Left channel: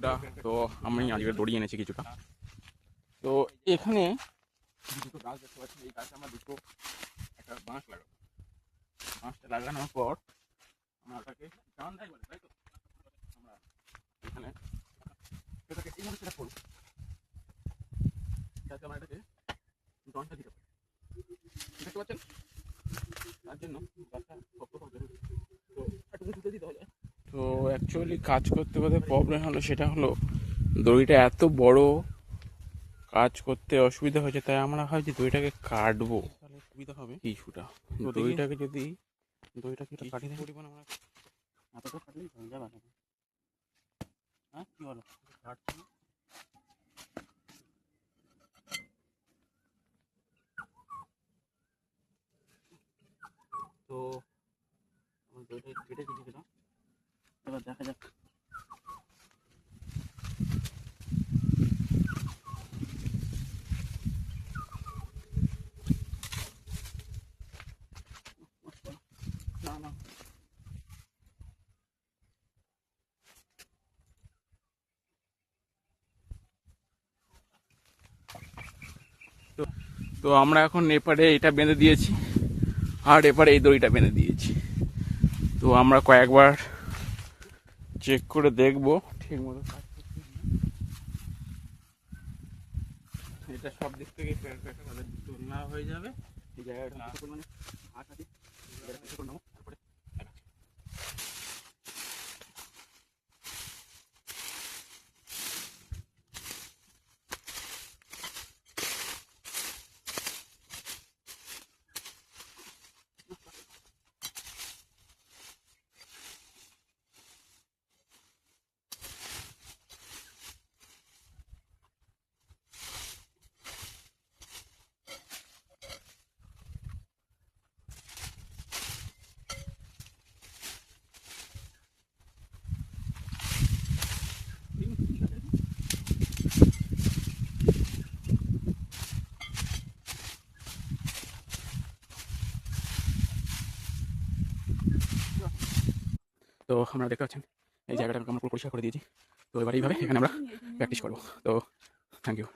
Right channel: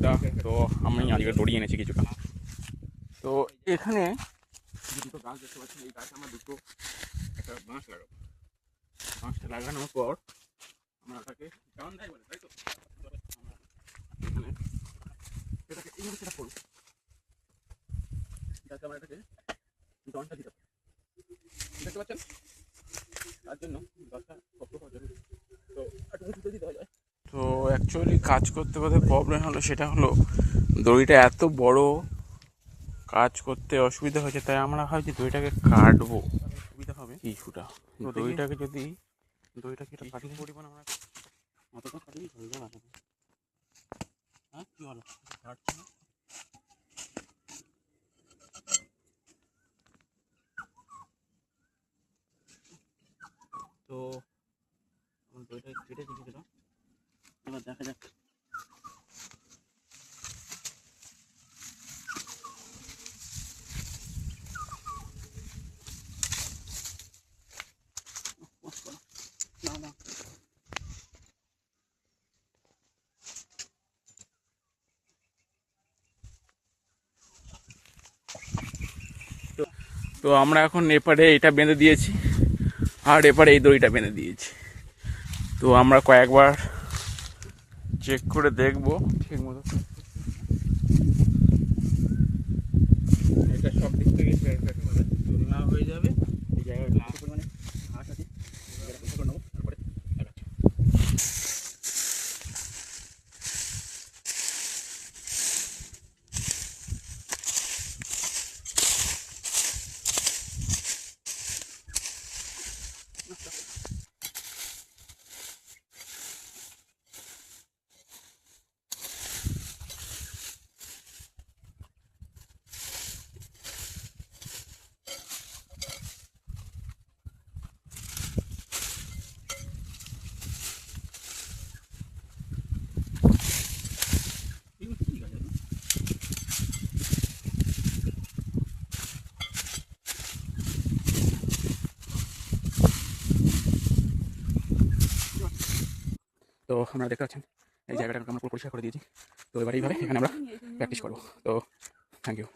বন্ধুরা, তো আমি আজকে দড়ি এনেছি কিছুটা। তো এখানে দুটো গাছ দেখতে পাচ্ছি, এই গাছে আমরা দুটো একটা বাঁশ লাগাবো। বাঁশটা লাগানোর পর আমরা এটাকে টান দেয় বলে, তাই তো আমরা এখানে এটাকে এইভাবে সেটা করবো, যাতে আমরা এটাকে জনটা দিতে পারি। দেখতে পাচ্ছেন, তার জন্য গাছটা শক্ত হওয়া জরুরি। তো একটু উঁচুতে দিতে হবে। তো অ্যাকচুয়ালি কাজ করতে করতে প্রবলেম হলো, সেটা হলো দড়িটা এত বড়, কাজ করতে অসুবিধা হয়েছে, তাই আমরা ভাবছি দড়িটাকে কাটবো, সুবিধা হবে কিছুটা। তো দড়িটাকে যদি দড়িটাকে এটা কাটিয়ে পরিমাণ আমরা এতটা কাটলেই হয়ে যাবে। হ্যাঁ কী হলো, কাটছি না। তো আমার দড়িটা কেটে দিয়েছিলাম, এবার দেখা যাক। না না, তো আমরা এখন এপারে এটা বেঁধে দিয়েছি আর এপারে এই দড়িটা বেঁধে দিয়েছি। তো আমরা কয়েকবার চেক করে দেখবো ঠিক মতো কাজ করছে। এটা সব দিক থেকে তুলনা হয়ে যাবে। এই জায়গায় না পরিমাণে ঘাস আছে, করে নেবো, তারপরে তো আমরা দেখতে পাচ্ছেন এই জায়গাটা আমরা পুরো পরিষ্কার করে দিয়েছি। তো এবার এইভাবে এখানে আমরা প্র্যাকটিস করবো। তো থ্যাংক ইউ।